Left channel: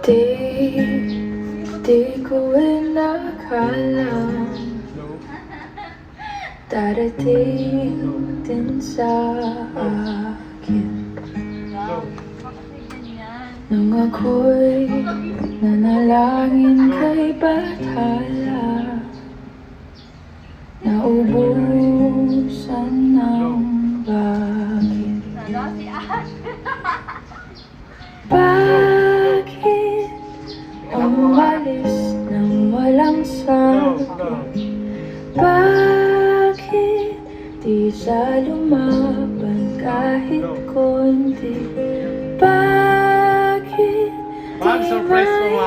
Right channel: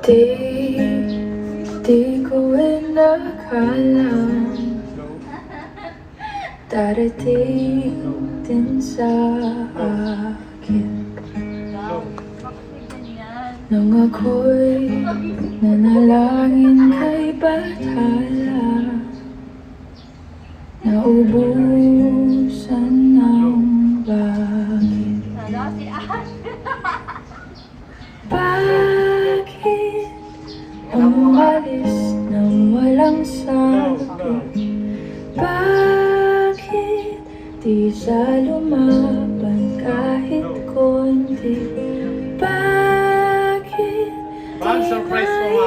Di, di ko inakalang darating din sa akin nang ako'y nanalangin kay Bathala, naubusan ng bakit. Bakit umalis nang walang sagot? Bakit di siya lumaban kahit konti? Bakit Ma'am, surprise ko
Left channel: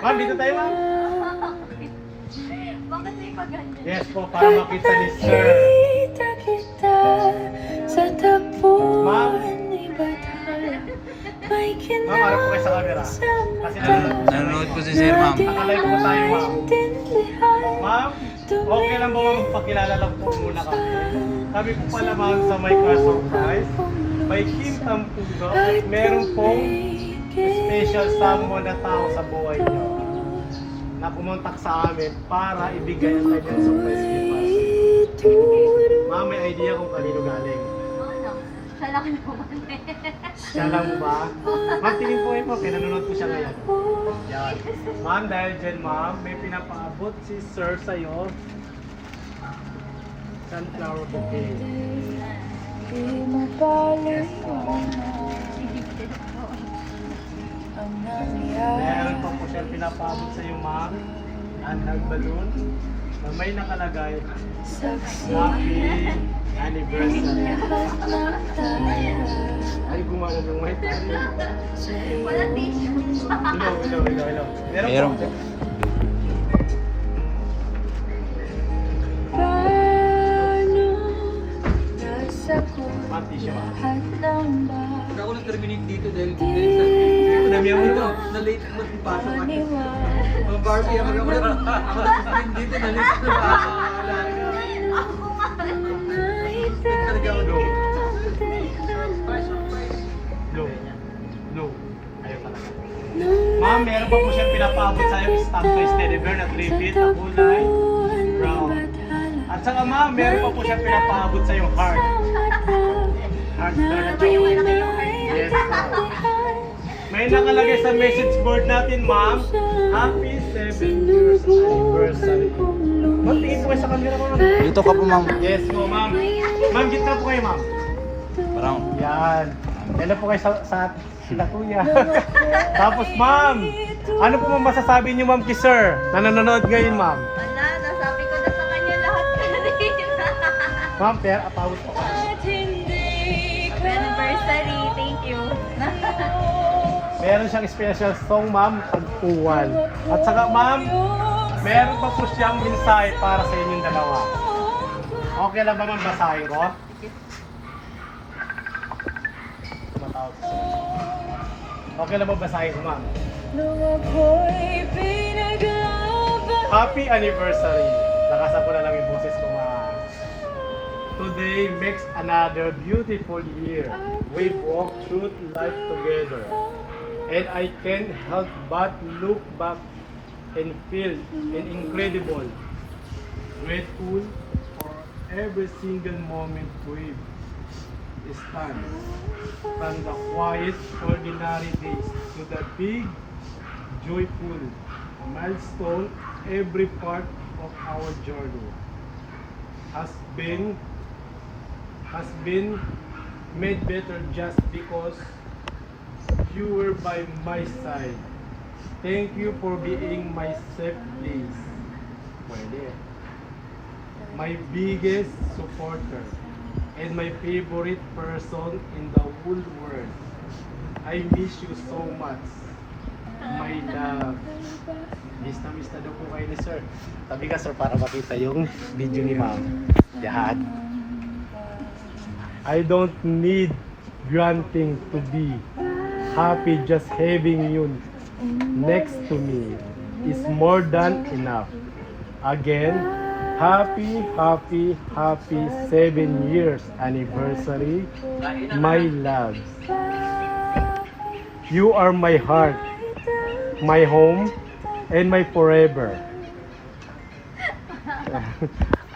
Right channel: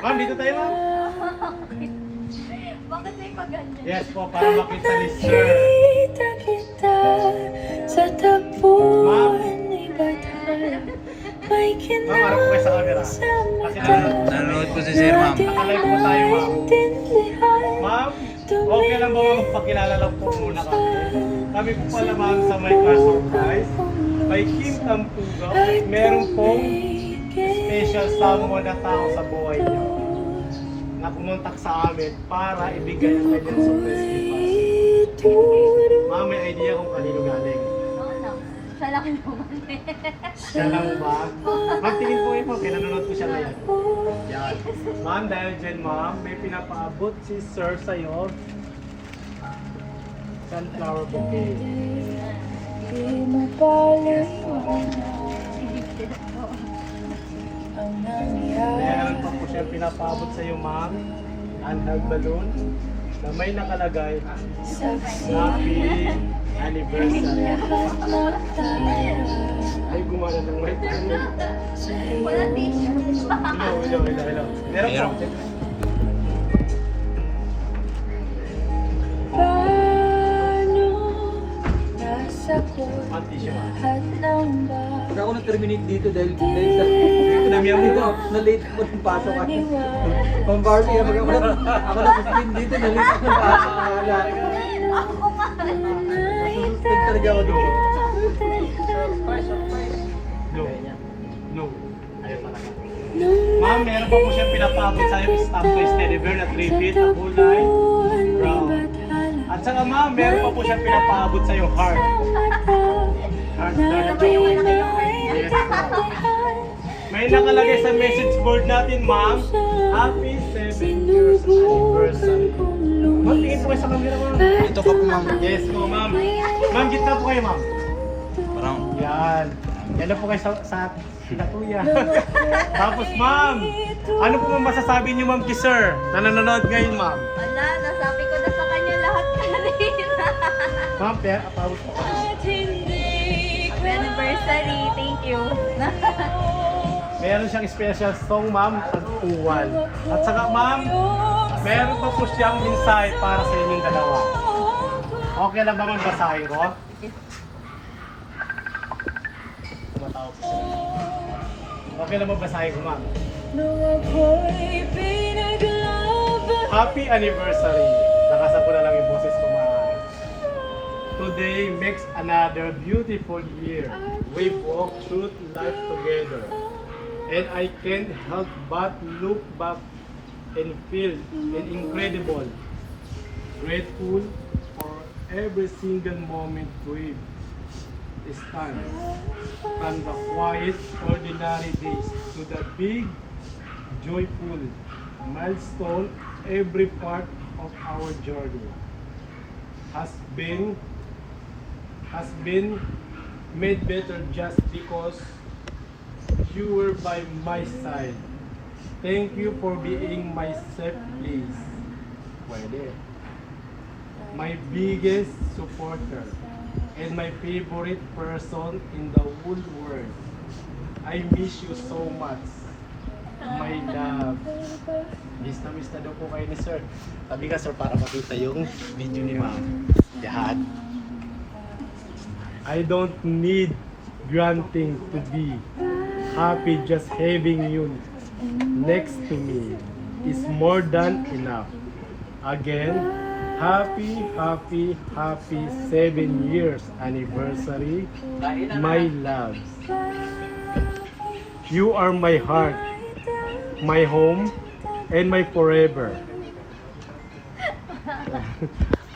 Ma'am, dito tayo ma'am. Bakit may paganyan? Yes po, para makita ni sir. Kita kita sa tapuan ni Bathala. May Ma'am, harap po kayo sa camera. sa Kasi mata. Nanonood po si Sir, ma'am. nakalive po tayo ma'am. Naintindihan. Ma'am, okay lang ba ma'am, pakilala lang po muna kami. Kami po pala ma'am sa may class surprise. May Kintang Pugaw at meron pong special someone na tao sa buhay niyo na pumuntak sa amin para ibigay ang kanyang surprise gift. Ma'am, may idea kung kanino galing. Oo naman. Sa laki naman Siya lang ba? Ma'am, tingin po kayo po, kaya nanonood po siya ngayon. Yan. Ma'am, dahil dyan ma'am, may pinapaabot si sir sa'yo. Sunflower bouquet. Di mapaliwanag ang nangyari. Meron pa po siya pinapaabot sa'yo ma'am. Handheld balloon na may nakalagay Saksi Happy Anniversary. lahat ng tayo Ay, gumana ng may tayo. sa Wala t-shirt. Hello. Meron po. paano nasagot Manti siya ma'am. lahat ng Hindi ako nag-terminate dito dahil Ito na miyan mo ito. na-late ako magpasok ako. paniwala. Ang Barbie, ako nag-terminate dito dahil ako talaga ako doon. Low. Low. Ayaw talaga. Ma'am, meron pa po siya pinapaabot sa'yo stamp toy Teddy Bear na 3 feet na kulay brown. At saka ma'am, meron pa po siya pinapaabot sa'yo heart. Heart na Yes, ma'am. May nakalagay sa message board natin, ma'am. Happy 7 years anniversary. Ma'am, tingin po kayo sa camera, ma'am. Dito ka po, ma'am. Yes po, ma'am. Ma'am, gitna po kayo, ma'am. Parang, Yan. Yan na po kayo sa sila kuya. Tapos, ma'am, ano po ma'am masasabi niyo, ma'am, kay sir na nanonood ngayon, ma'am? Ana, nasabi ko na sa kanya lahat kanina. Ma'am, pero apawit po. Happy anniversary. Thank you. Meron siyang special song, ma'am, tagpuan. At saka, ma'am, meron pa po siyang mensahe para sa inyong dalawa. Okay lang ba, ma'am, basahin ko? Tumatawag si sir. Okay lang ba basahin ko, ma'am? Nung ako'y pinaglaban. Happy anniversary! Nakasan ko na lang yung boses ko, ma'am. Today makes another beautiful year. We've walked through life together. And I can't help but look back and feel incredible, grateful for every single moment we've spent. From the quiet, ordinary days to the big, joyful milestone, every part of our journey has been made better just because you were by my side. Thank you for being my safe place. Pwede. My biggest supporter and my favorite person in the whole world. I miss you so much. My love. Miss na daw po kayo ni sir. Tabi ka sir para makita yung video ni ma'am. Yan. I don't need granting to be happy, just having you next to me is more than enough. Again, happy 7 years anniversary, my loves. You are my heart, my home, and my forever.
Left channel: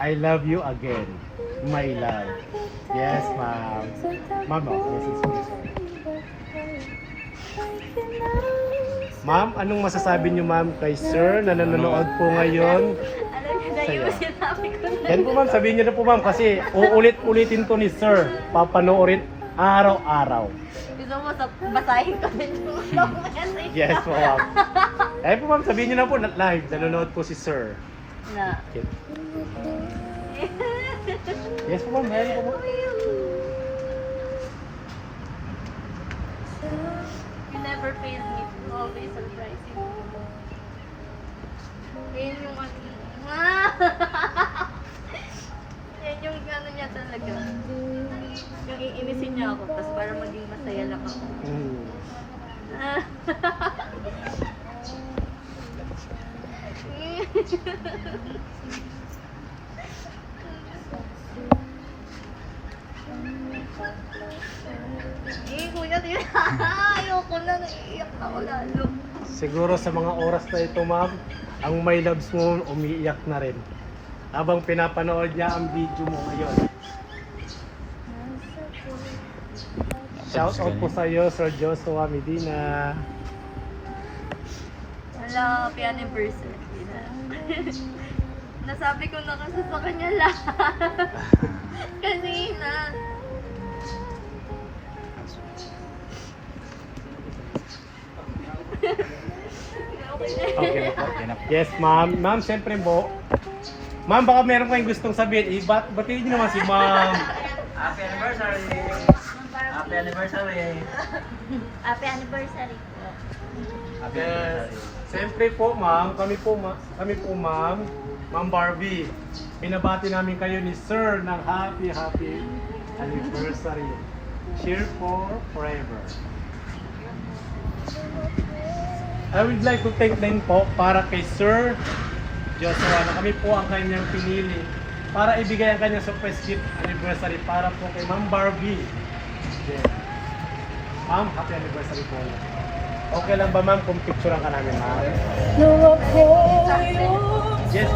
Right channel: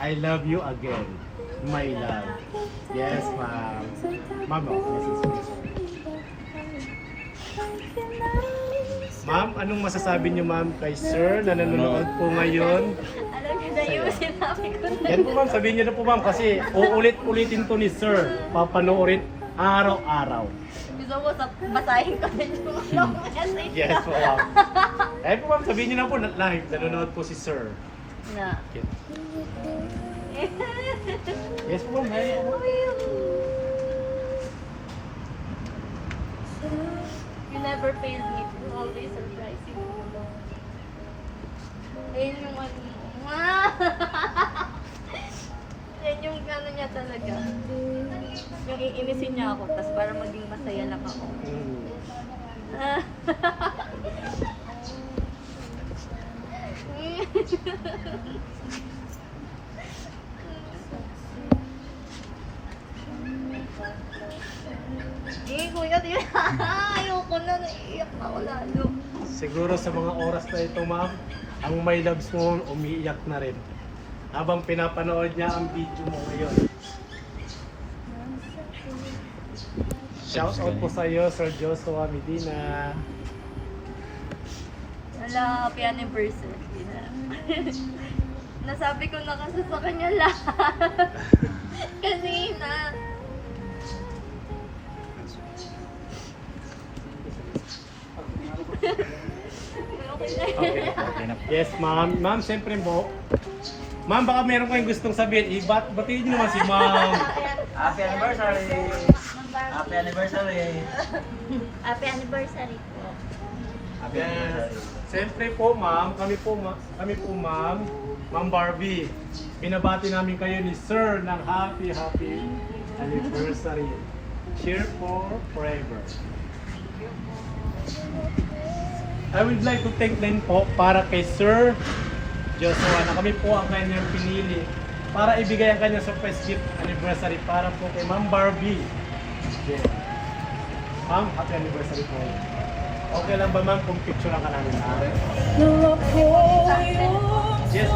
I love you again, my love. Yes, ma'am. Mama, yes, please. Ma'am, anong masasabi niyo ma'am kay sir na nanonood po ngayon? Alam niyo na yung sinabi ko na. Yan po ma'am, sabihin niyo na po ma'am kasi uulit-ulitin to ni sir. Papanoorin araw-araw. Gusto mo basahin ko na yung long message. Yes, ma'am. Ayun po ma'am, sabihin niyo na po na live, nanonood po si sir. Na. Yes po ma'am, meron po. You never failed me. Always surprising me. Ayun yung ano. Yan yung ano niya talaga. Yung iinisin niya ako, tapos para maging masaya lang ako. Kuya, ayoko na, naiiyak ako lalo. Siguro sa mga oras na ito ma'am, ang my loves mo umiiyak na rin. Habang pinapanood niya ang video mo ngayon. Shout out po sa iyo, Sir Joshua Medina. Wala, happy anniversary na. Nasabi ko na kasi sa kanya lahat. Kanina. Okay na. Okay na. Yes ma'am. Ma'am, siyempre po. Ma'am, baka meron kayong gustong sabihin. Batiin niyo man si ma'am. Happy anniversary! Happy anniversary! Happy anniversary po. Happy anniversary! Siyempre po ma'am, kami po ma'am, Ma'am Barbie. Binabati namin kayo ni Sir ng happy anniversary. Cheer for forever. I would like to thank din po para kay Sir Joshua na kami po ang kanyang pinili para ibigay ang kanyang surprise gift anniversary para po kay Ma'am Barbie. Yeah. Ma'am, happy anniversary po. Okay lang ba ma'am kung picture ka namin? Nung ako'y Yes.